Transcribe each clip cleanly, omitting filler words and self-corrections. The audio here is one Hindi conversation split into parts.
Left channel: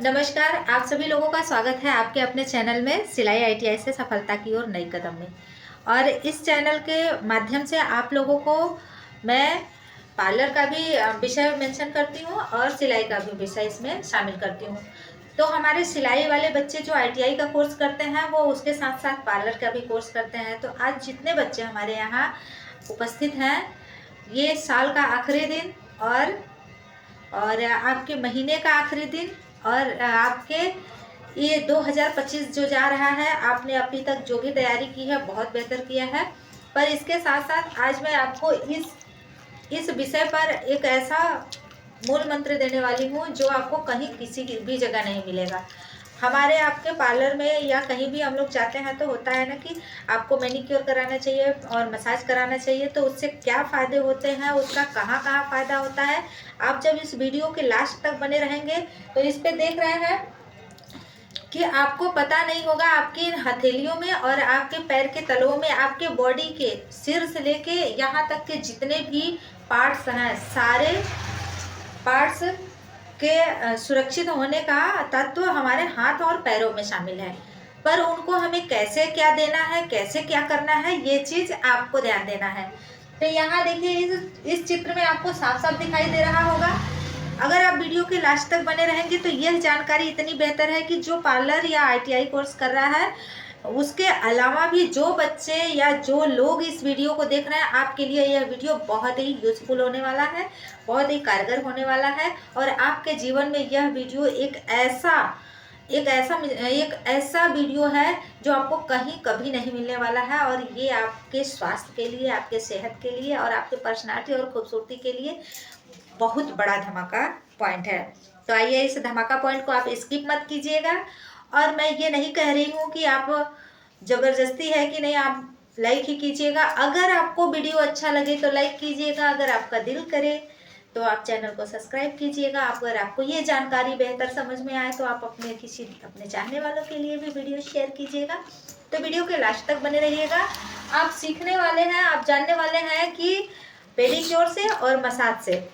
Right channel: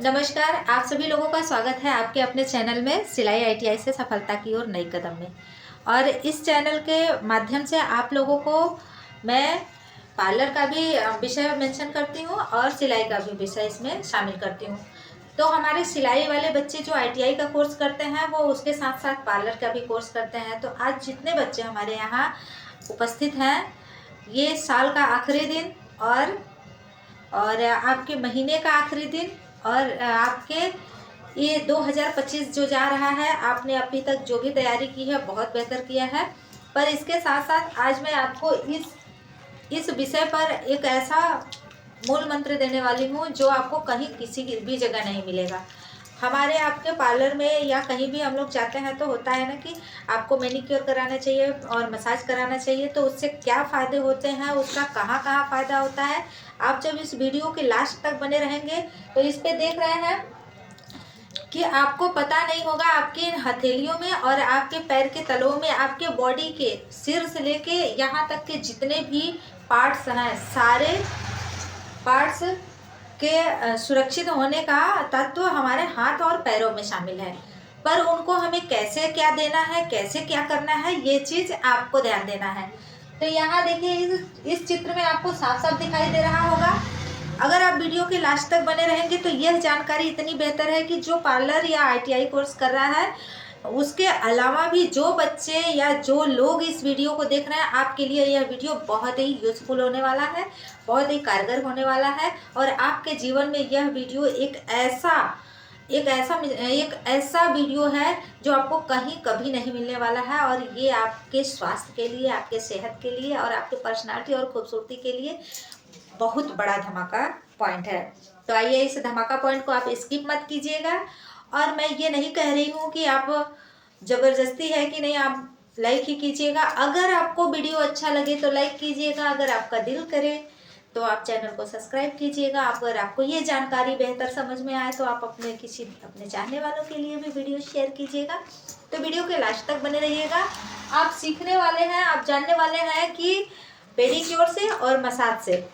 नमस्कार, आप सभी लोगों का स्वागत है आपके अपने चैनल में सिलाई आईटीआई से सफलता की ओर नई कदम में। और इस चैनल के माध्यम से आप लोगों को मैं पार्लर का भी विषय मेंशन करती हूँ और सिलाई का भी विषय इसमें शामिल करती हूँ। तो हमारे सिलाई वाले बच्चे जो आईटीआई का कोर्स करते हैं वो उसके साथ साथ पार्लर का भी कोर्स करते हैं। तो आज जितने बच्चे हमारे यहाँ उपस्थित हैं, ये साल का आखिरी दिन और आपके महीने का आखिरी दिन और आपके ये 2025 जो जा रहा है, आपने अभी तक जो भी तैयारी की है बहुत बेहतर किया है। पर इसके साथ साथ आज मैं आपको इस विषय पर एक ऐसा मूल मंत्र देने वाली हूँ जो आपको कहीं किसी भी जगह नहीं मिलेगा। हमारे आपके पार्लर में या कहीं भी हम लोग जाते हैं तो होता है ना कि आपको मैनिक्योर कराना चाहिए और मसाज कराना चाहिए, तो उससे क्या फ़ायदे होते हैं, उसका कहाँ कहाँ फ़ायदा होता है। आप जब इस वीडियो के लास्ट तक बने रहेंगे तो इस पे देख रहे हैं कि आपको पता नहीं होगा आपकी हथेलियों में और आपके पैर के तलवों में, आपके बॉडी के सिर से लेके यहाँ तक के जितने भी पार्ट्स हैं, सारे पार्ट्स के सुरक्षित होने का तत्व हमारे हाथ और पैरों में शामिल है। पर उनको हमें कैसे क्या देना है, कैसे क्या करना है, ये चीज़ आपको ध्यान देना है। तो यहाँ देखिए, इस चित्र में आपको साफ साफ दिखाई दे रहा होगा। अगर आप वीडियो के लास्ट तक बने रहेंगे तो यह जानकारी इतनी बेहतर है कि जो पार्लर या आईटीआई कोर्स कर रहा है, उसके अलावा भी जो बच्चे या जो लोग इस वीडियो को देख रहे हैं, आपके लिए यह वीडियो बहुत ही यूज़फुल होने वाला है, बहुत ही कारगर होने वाला है। और आपके जीवन में यह वीडियो एक ऐसा वीडियो है जो आपको कहीं कभी नहीं मिलने वाला है। और ये आपके स्वास्थ्य के लिए, आपके सेहत के लिए और आपके पर्सनालिटी और खूबसूरती के लिए बहुत बड़ा धमाका पॉइंट है। तो आइए, इस धमाका पॉइंट को आप स्किप मत कीजिएगा। और मैं ये नहीं कह रही हूँ कि आप ज़बरदस्ती है कि नहीं, आप लाइक ही कीजिएगा। अगर आपको वीडियो अच्छा लगे तो लाइक कीजिएगा, अगर आपका दिल करे तो आप चैनल को सब्सक्राइब कीजिएगा। अगर आपको ये जानकारी बेहतर समझ में आए तो आप अपने चाहने वालों के लिए भी वीडियो शेयर कीजिएगा। तो वीडियो के लास्ट तक बने रहिएगा। आप सीखने वाले हैं, आप जानने वाले हैं कि पेडिक्योर से और मसाज से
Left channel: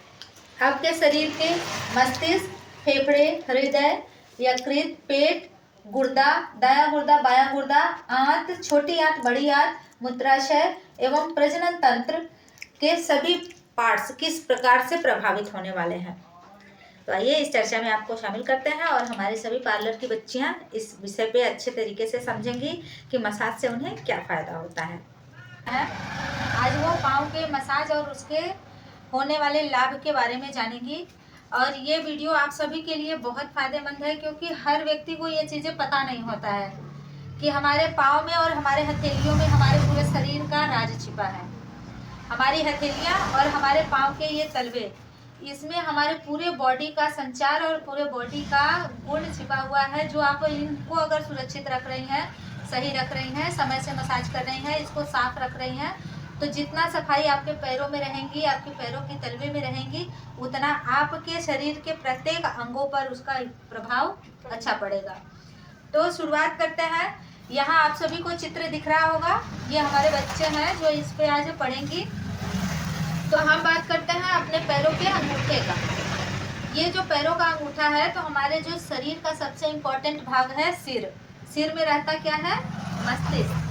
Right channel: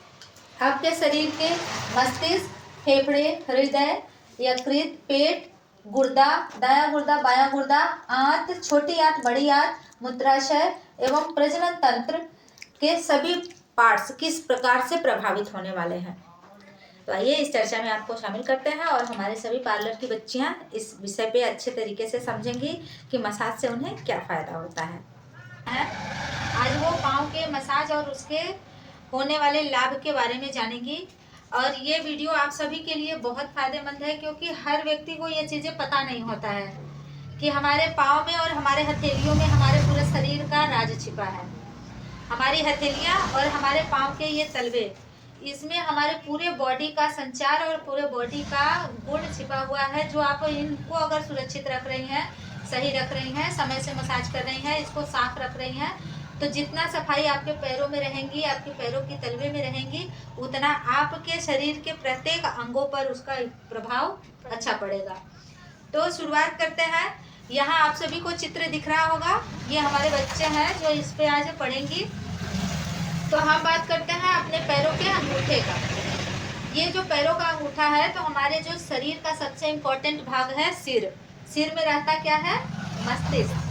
आपके शरीर के मस्तिष्क, फेफड़े, हृदय, यकृत, पेट, गुर्दा, दायां गुर्दा, बायां गुर्दा, आंत, छोटी आंत, बड़ी आंत, मूत्राशय एवं प्रजनन तंत्र के सभी पार्ट्स किस प्रकार से प्रभावित होने वाले हैं। तो आइए, इस चर्चा में आपको शामिल करते हैं और हमारे सभी पार्लर की बच्चियां इस विषय पे अच्छे तरीके से समझेंगी कि मसाज से उन्हें क्या फ़ायदा होता है। आज वो पाँव के मसाज और उसके होने वाले लाभ के बारे में जानेंगी। और ये वीडियो आप सभी के लिए बहुत फ़ायदेमंद है, क्योंकि हर व्यक्ति को ये चीज़ें पता नहीं होता है कि हमारे पाँव में और हमारे हथेलियों में हमारे पूरे शरीर का राज छिपा है। हमारी हथेलियाँ और हमारे पाँव के ये तलवे, इसमें हमारे पूरे बॉडी का संचार और पूरे बॉडी का गुण छिपा हुआ है। जो आप इनको अगर सुरक्षित रख रही हैं, सही रख रही हैं, समय से मसाज कर रही हैं, इसको साफ रख रही हैं, तो जितना सफाई आपके पैरों में रहेंगी, आपके पैरों की तलवे में रहेंगी, उतना आपके शरीर के प्रत्येक अंगों पर उसका प्रभाव अच्छा पड़ेगा। तो शुरुआत करते हैं। यहाँ आप सभी को चित्र दिख रहा होगा, ये हमारे बच्चे हैं जो इस पे आज पढ़ेंगी। तो हम बात करते हैं अपने पैरों के अंगूठे का। ये जो पैरों का अंगूठा है, तो हमारे जो शरीर का सबसे इम्पोर्टेंट भाग है सिर। सिर में रहता क्या है? मस्तिष्क।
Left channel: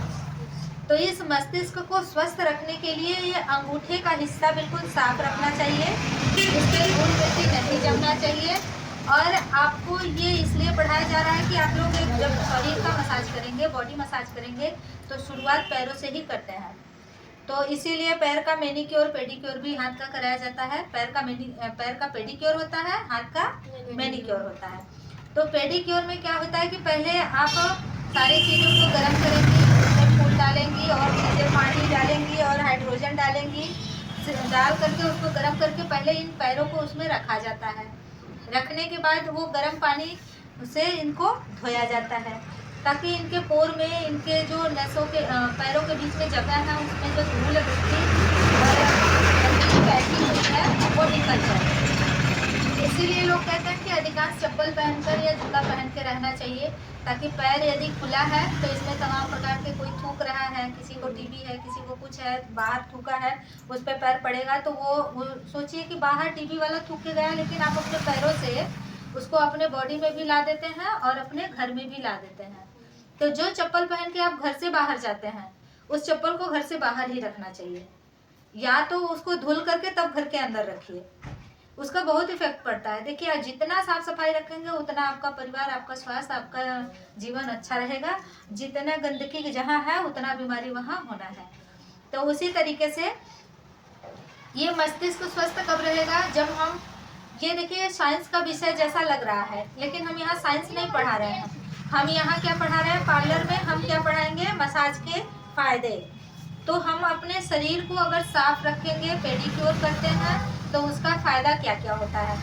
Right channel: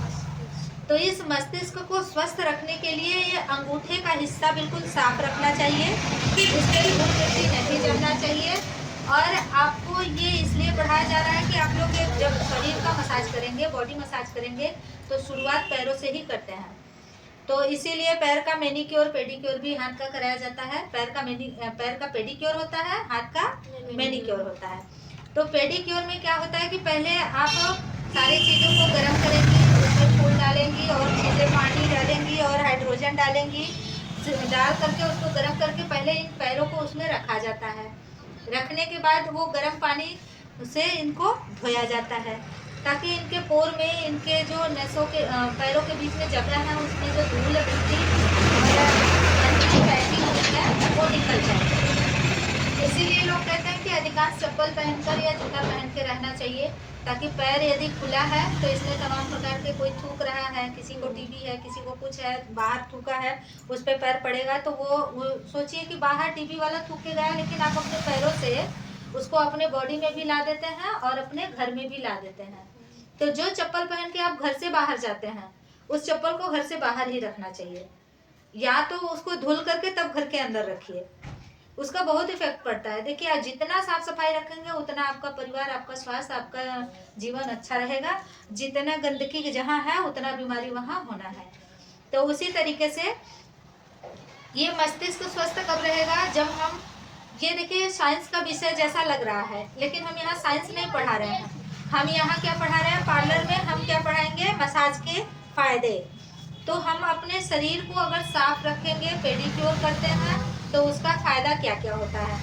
तो इस मस्तिष्क को स्वस्थ रखने के लिए ये अंगूठे का हिस्सा बिल्कुल साफ रखना चाहिए, इसके धूल मिट्टी नहीं जमना चाहिए। और आपको ये इसलिए पढ़ाया जा रहा है कि आप लोग जब शरीर का मसाज करेंगे, बॉडी मसाज करेंगे, तो शुरुआत पैरों से ही करते हैं। तो इसीलिए पैर का मैनिक्योर, पेडिक्योर भी हाथ का कराया जाता है। पैर का पेडिक्योर होता है, हाथ का मैनिक्योर होता है। तो पेडिक्योर में क्या होता है कि पहले आप सारी चीज़ों को गर्म करेंगी, उसमें फूल डालेंगी और सीधे पानी डालेंगी और हाइड्रोजन डालेंगी, डाल करके उसको गर्म करके पहले इन पैरों को उसमें रखा जाता है। रखने के बाद वो गर्म पानी से इनको धोया जाता है, ताकि इनके पोर में, इनके जो नसों के पैरों के बीच में जगह है, उसमें जो धूल मिट्टी और पैकिंग है वो निकल जाए। इसीलिए लोग कहते हैं कि अधिकांश चप्पल पहनकर या जूता पहन के रहना चाहिए, ताकि पैर यदि खुला है तो इसमें तमाम प्रकार के, कोई थूक रहा है, किसी को टीबी है, किसी को कुछ है, बाहर थूका है, उस पर पैर पड़ेगा तो वो सोचिए कि बाहर टीबी वाला थूक के गया, लेकिन आप अपने पैरों से उसको अपने बॉडी में भी ला देते हैं और अपने घर में भी ला देते हैं। तो जो चप्पल पहन के आप घर से बाहर जाते हैं, उस चप्पल को घर से बाहर ही रखना चाहिए, या तो उसको धुल करके तब घर के अंदर रखिए। उसका बहुत इफेक्ट पड़ता है। देखिए, आप जितना साफ सफाई रखेंगे उतना आपका परिवार, आपका स्वास्थ्य, आपका जीवन अच्छा रहेगा। जितना गंदगी जहाँ है उतना बीमारी वहाँ होना है। तो उसी तरीके से ये मस्तिष्क स्वस्थ कब रहेगा, जब हम, ये देखिए साइंस का विषय जैसा लग रहा है, लेकिन हम यहाँ साइंस नहीं पढ़ा रहे हैं। हम यहाँ क्या पढ़ा रहे हैं, पार्लर में हम क्या पढ़ाएंगे, मसाज के फायदे। तो हम अपने शरीर को अगर साफ रखेंगे, पेडिक्योर करते हैं, तो उसका फायदा क्या क्या होता है।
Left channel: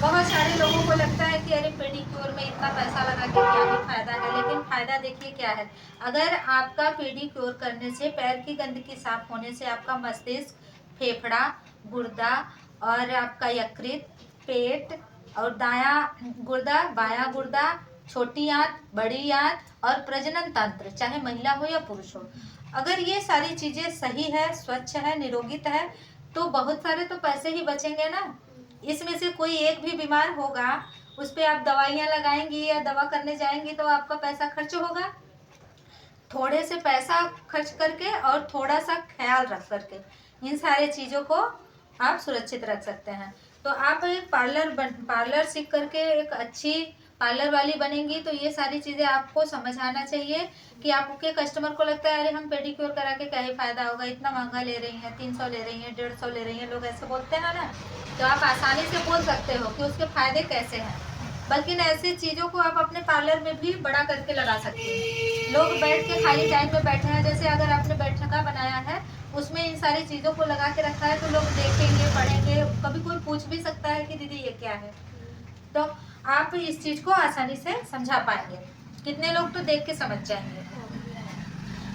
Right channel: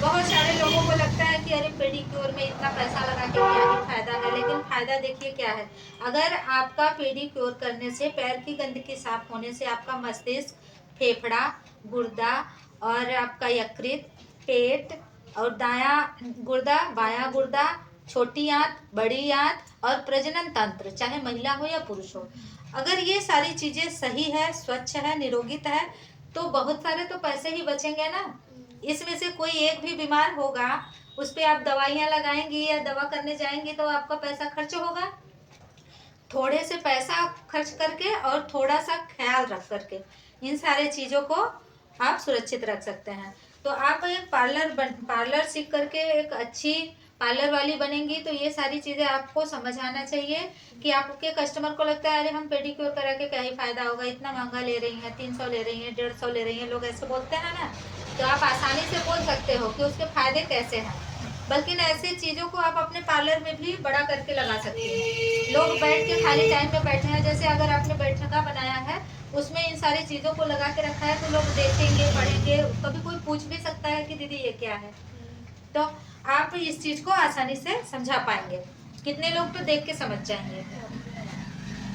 बहुत सारे लोगों को लगता है कि अरे पेडिक्योर में इतना पैसा लगा के क्या ही फायदा है, लेकिन फायदा देखिए क्या है। अगर आपका पेडिक्योर करने से, पैर की गंदगी साफ होने से आपका मस्तिष्क, फेफड़ा, गुर्दा और आपका यकृत, पेट और दायां गुर्दा, बायां गुर्दा, छोटी आंत, बड़ी आंत और प्रजनन तंत्र, चाहे महिला हो या पुरुष हो, अगर ये सारी चीजें सही है, स्वच्छ है, निरोगित है, तो बहुत सारे तो पैसे ही बचेंगे ना। इसमें से कोई एक भी बीमार होगा, उस पर आप दवाइयाँ लगाएंगी या दवा करने जाएंगी तो आपका पैसा खर्च होगा। थोड़े से पैसा खर्च करके और थोड़ा सा ख्याल रख करके इन सारे चीज़ों को आप सुरक्षित रख सकते हैं। तो आप एक पार्लर सीख करके एक अच्छी पार्लर वाली बनेंगी, तो ये सारी चीज़ें आपको समझ आना चाहिए कि आपके कस्टमर को लगता है अरे हम पेडिक्योर करा के क्या ही फायदा होगा, इतना महंगा ले रही हैं, 300 ले रही हैं, 150 ले रही हैं, लोग ऐसे बोलते हैं ना। तो आप आसानी से बोल सकते हो कि उसके फायदे कैसे हैं। बल्कि ऐसी चीज़ों को आप अपने पार्लर में भी बड़ा करके लगा सकते हैं। लोग बैठ के खाली टाइम में बैठे हैं, जैसे अगर आपने बैठका बनाया है उसमें इन सारी चीज़ों को लगा के रखा है, तो लोग देखेंगे, पढ़ेंगे, कभी कोई पूछ भी सकता है कि दीदी ये क्या है। तो आप इस चीज़ को आसानी से समझा पाएंगे। कितने लोग तो देख के समझ जाएंगे।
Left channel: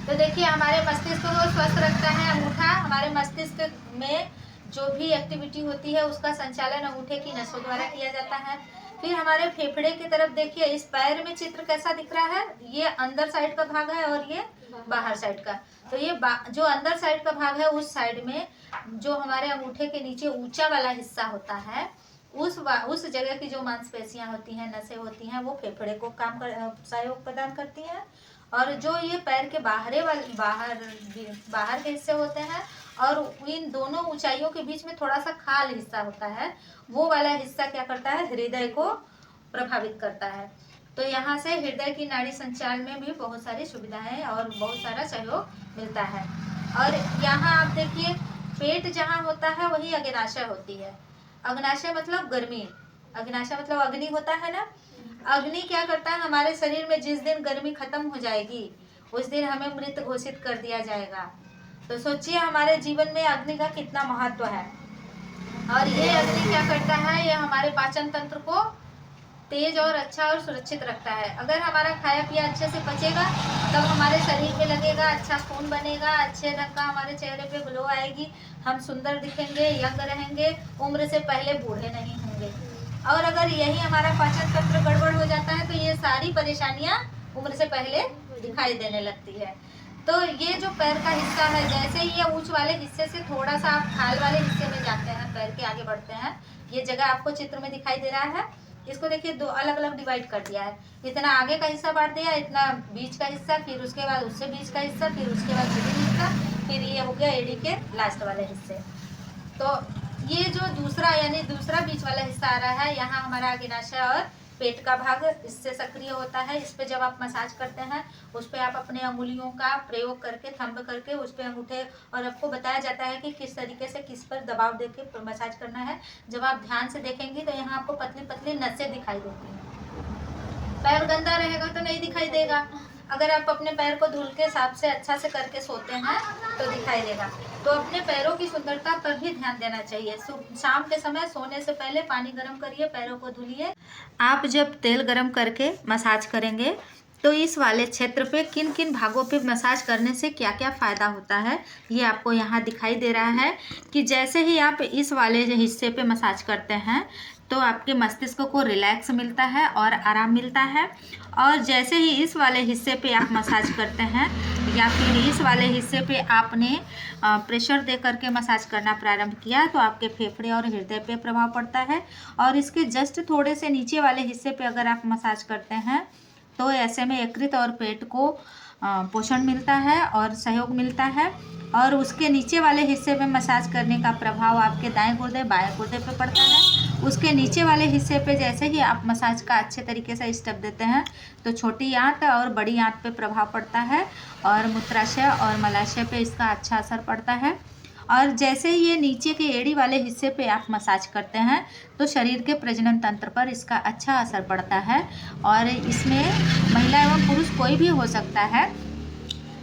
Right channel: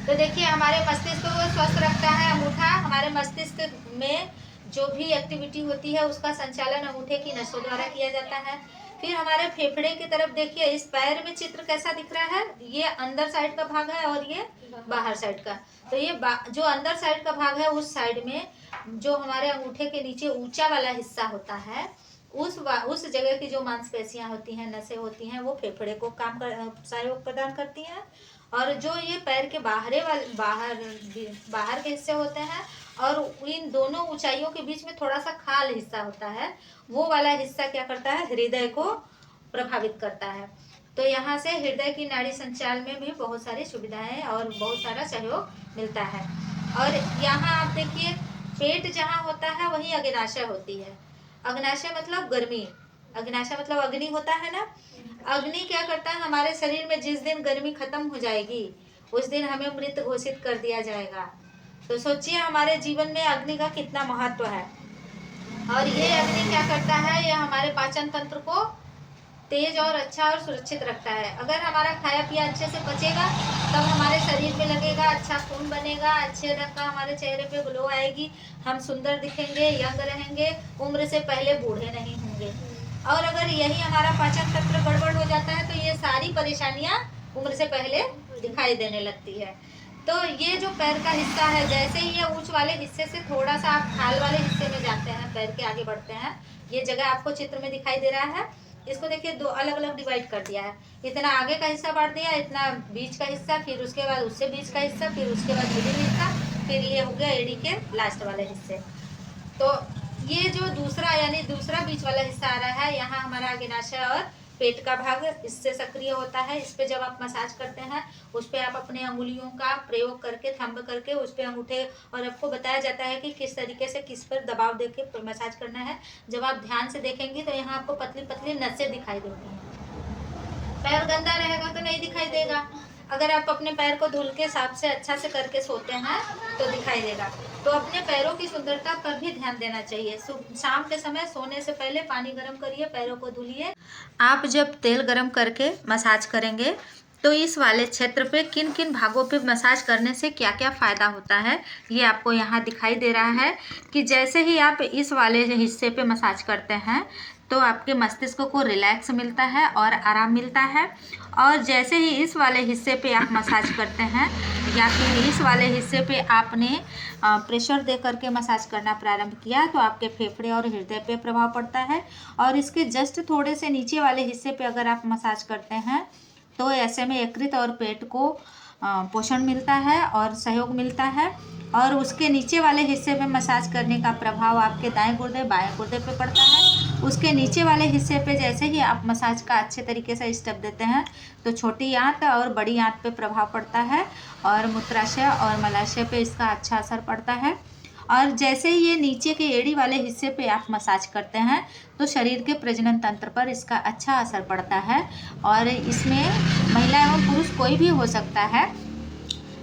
तो देखिए, हमारे मस्तिष्क को स्वस्थ रखता है अंगूठा। हमारे मस्तिष्क में जो भी एक्टिविटी होती है उसका संचालन अंगूठे की नसों द्वारा किया जाता है। फिर हमारे फेफड़े की तरफ देखिए, इस पैर में चित्र कैसा दिख रहा है, ये अंदर साइड का भाग है और ये बाहर साइड का। तो ये जो अंदर साइड का भाग है, उस साइड में जो हमारे अंगूठे के नीचे ऊंचा वाला हिस्सा होता है, उस जगह की जो मांसपेशियां होती हैं, नसें होती हैं, वो फेफड़े को सहयोग प्रदान करती हैं। और जो ये पैर के बाहर के हिस्से होते हैं और इन दोनों ऊंचाइयों के बीच में थोड़ा सा खाल हिस्सा होता है, वो वाला हिस्सा क्या करता है, हृदय को प्रभावित करता है। तो यहाँ से हृदय की नाड़ी संचार में भी बहुत सारी सुविधाएं और बहुत सारा सहयोग मिलता है। और यहाँ आप देखिए, पेट जहाँ होता है वहीं अग्नाशय होती है। अग्नाशय मतलब गर्मी, अग्नाशय मतलब अग्नि होता है ना। अग्नि क्या करता है, हमारे शरीर में जिस दिन गर्मी खत्म हो जाएगी उस दिन हमें मृत घोषित कर दिया जाएगा। तो सोचिए हमारे जीवन में अग्नि का कितना महत्व है। और ये अग्नि क्या करता है, ये हमारे पाचन तंत्र को तेज और अच्छा और सुरक्षित रखता है। अगर हमारा खाया पिया अच्छे से पचेगा तब हमारे शरीर में लगेगा, अच्छा खून बनेगा, अच्छे रंग का हमारे चेहरे पे ग्लो आएगी, हम सुंदर दिखेंगे, यंग रहेंगे, उम्र से पहले बूढ़े नहीं होंगे। और अगर यही हमारा पाचन तंत्र गड़बड़ हो जाता है तो ये सारी परेशानियां उम्र से पहले दिखाई देने लगती है। तो ये जो पैर का हिस्सा है, जैसे ही ये ऊंच वाले हिस्से से थोड़ा सा आप खाल वाले हिस्से में जाते हैं, पैर के आगे बढ़ते हैं, ये जगह आपको चित्र में दिखाई दे रहा है। इसको देखिए, दो अलग अलग डिवाइड कर दिया है। इतना आगे का हिस्सा बांट दिया, इतना बीच का हिस्सा, फिर उसके बाद उससे बीच का हिस्सा, फिर उसके बाद मिडिल हिस्सा, फिर ये हो गया एडी के लास्ट वाले हिस्से। तो ये जो दूसरा यानी दूसरा बीच वाला हिस्सा आ रहा है, यहाँ हमारा अग्नाशय और पेट का भाग इससे सक्रिय होता है। इस पे जब आप मसाज करते हैं, उस पे आप अपने अंगुलियों का प्रयोग करके, थंब करके उस पे अंगूठे, और आपको बताया जाता है कि किस तरीके से किस पर दबाव देके मसाज करना है। जब आप ध्यान से देखेंगी तो यहाँ आपको पतली पतली नसें दिखाई देती हैं। पैर गंदा रहेगा तो नहीं दिखाई देगा। अगर आप अपने पैर को धुल के साफ से अच्छा से करके सोते हैं तो दिखाई देगा। तो अपने पैरों की सुंदरता पर भी ध्यान देना चाहिए। शाम के समय सोने से पहले पानी गर्म करिए, पैरों को धुलिए। आप जब तेल गर्म करके मसाज करेंगे तो इस वाले क्षेत्र पे किन किन भागों पे मसाज करने से क्या क्या फ़ायदा होता है, ये आपको यहाँ दिखाई दे रहा है कि जैसे ही आप इस वाले हिस्से पे मसाज करते हैं तो आपके मस्तिष्क को रिलैक्स मिलता है और आराम मिलता है। और जैसे ही इस वाले हिस्से पे आप मसाज करते हैं या फिर इस वाले हिस्से पे आपने प्रेशर दे करके मसाज करना प्रारंभ किया तो आपके फेफड़े और हृदय पे प्रभाव पड़ता है। और इसके जस्ट थोड़े से नीचे वाले हिस्से पे अगर आप मसाज करते हैं तो ऐसे में यकृत और पेट को पोषण मिलता है और सहयोग मिलता है। और उसके नीचे वाले हिस्से में मसाज करने का प्रभाव आपके दाएं गुर्दे बाएं गुर्दे पे पड़ता है। उसके नीचे वाले हिस्से पे जैसे ही आप मसाज का अच्छे तरीके से स्टेप देते हैं तो छोटी आंत और बड़ी आंत पे प्रभाव पड़ता है और मूत्राशय और मलाशय पे इसका अच्छा असर पड़ता है। और जैसे ही ये नीचे के एड़ी वाले हिस्से पे आप मसाज करते हैं तो शरीर के प्रजनन तंत्र पर इसका अच्छा असर पड़ता है। और इसमें महिला एवं पुरुष कोई भी हो सकता है।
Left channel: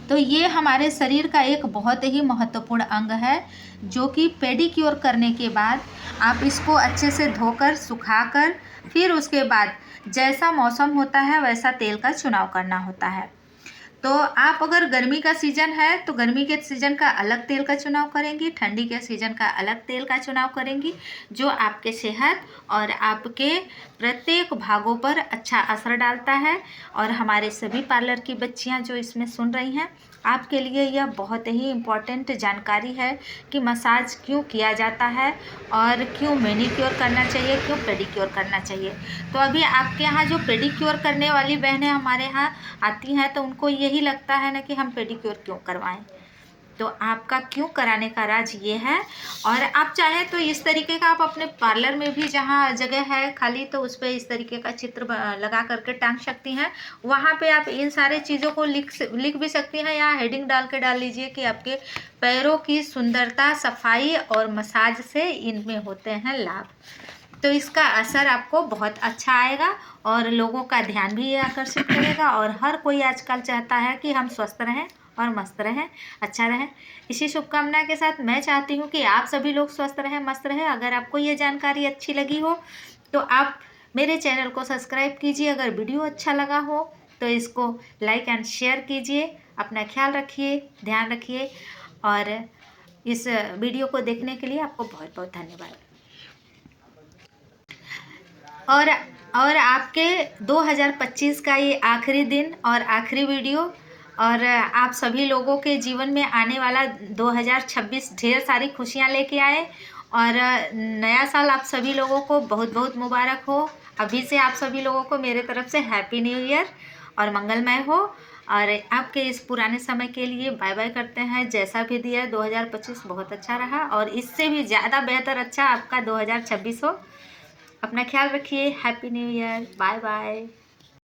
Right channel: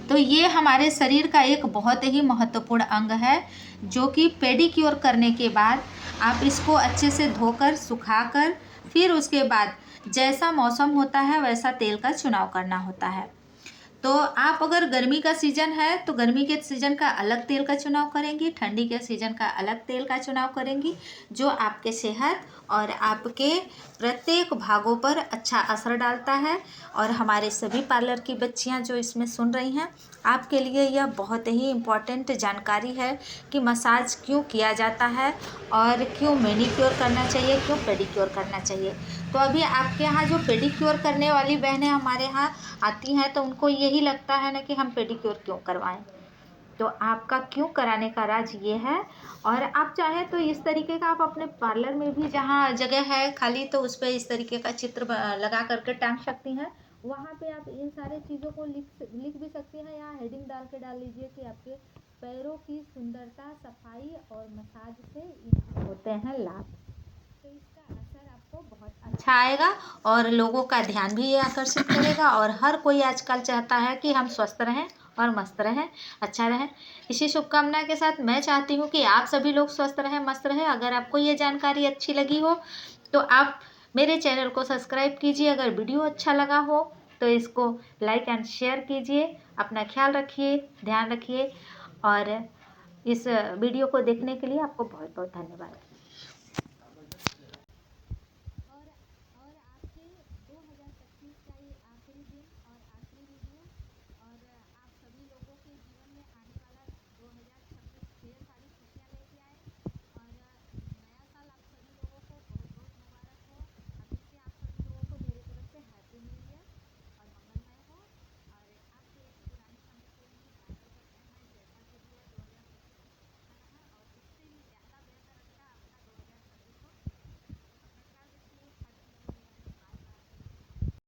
तो ये हमारे शरीर का एक बहुत ही महत्वपूर्ण अंग है जो कि पेडिक्योर करने के बाद आप इसको अच्छे से धोकर सुखाकर फिर उसके बाद जैसा मौसम होता है वैसा तेल का चुनाव करना होता है। तो आप अगर गर्मी का सीज़न है तो गर्मी के सीज़न का अलग तेल का चुनाव करेंगी, ठंडी के सीज़न का अलग तेल का चुनाव करेंगी जो आपके सेहत और आपके प्रत्येक भागों पर अच्छा असर डालता है। और हमारे सभी पार्लर की बच्चियां जो इसमें सुन रही हैं, आपके लिए यह बहुत ही इम्पॉर्टेंट जानकारी है कि मसाज क्यों किया जाता है और क्यों मैनीक्योर करना चाहिए, क्यों पेडिक्योर करना चाहिए। तो अभी आपके यहाँ जो पेडिक्योर करने वाली बहनें हमारे यहाँ आती हैं तो उनको यही लगता है ना कि हम पेडिक्योर क्यों करवाएं। तो आपका क्यों कराने का राज ये है। और आप चाहें तो इस तरीके का आप अपने पार्लर में भी जहाँ जगह है खाली तो उस पर इस तरीके का चित्र लगा करके टांग सकती हैं। वहाँ पे आप इन सारे चीज़ों को लिख भी सकती हैं या हेडिंग डाल लीजिए कि आपके पैरों की सुंदरता, सफाई और मसाज से इनमें होते हैं लाभ। तो इसका असर आपको बहुत अच्छा आएगा और लोगों का ध्यान भी ये आकर्षित करेगा। और हर कोई आजकल चाहता है कि हम स्वस्थ रहें और मस्त रहें, अच्छा रहें। इसी शुभकामना के साथ मैं चाहती हूँ कि आप सभी लोग स्वस्थ रहें, मस्त रहें। अगर आपको ये जानकारी अच्छी लगी हो तो आप मेरे चैनल को सब्सक्राइब कीजिए। अगर वीडियो अच्छा लगा हो तो इसको लाइक एंड शेयर कीजिए। अपना ख्याल रखिए, ध्यान रखिए। और इस वीडियो को देखने के लिए आपको बहुत बहुत धन्यवाद। और आपके 2025 का ये आखिरी दिन और आखिरी वीडियो। और आप सभी लोगों के जीवन में आने वाला 2026 ढेर सारी खुशियां लेके आए। और नया साल आप सभी लोगों को बहुत बहुत मुबारक हो। अभी से आप सभी लोगों को मेरे तरफ से हैप्पी न्यू ईयर और मंगलमय हो। और आपके इस पुराने समय के लिए बाय बाय करते हैं। जैसा भी दिया 2025 बहुत अच्छा रहा और इससे भी ज़्यादा बेहतर अच्छा आपका 2026 हो। अपना ख्याल रखिए। Happy new year. Bye bye.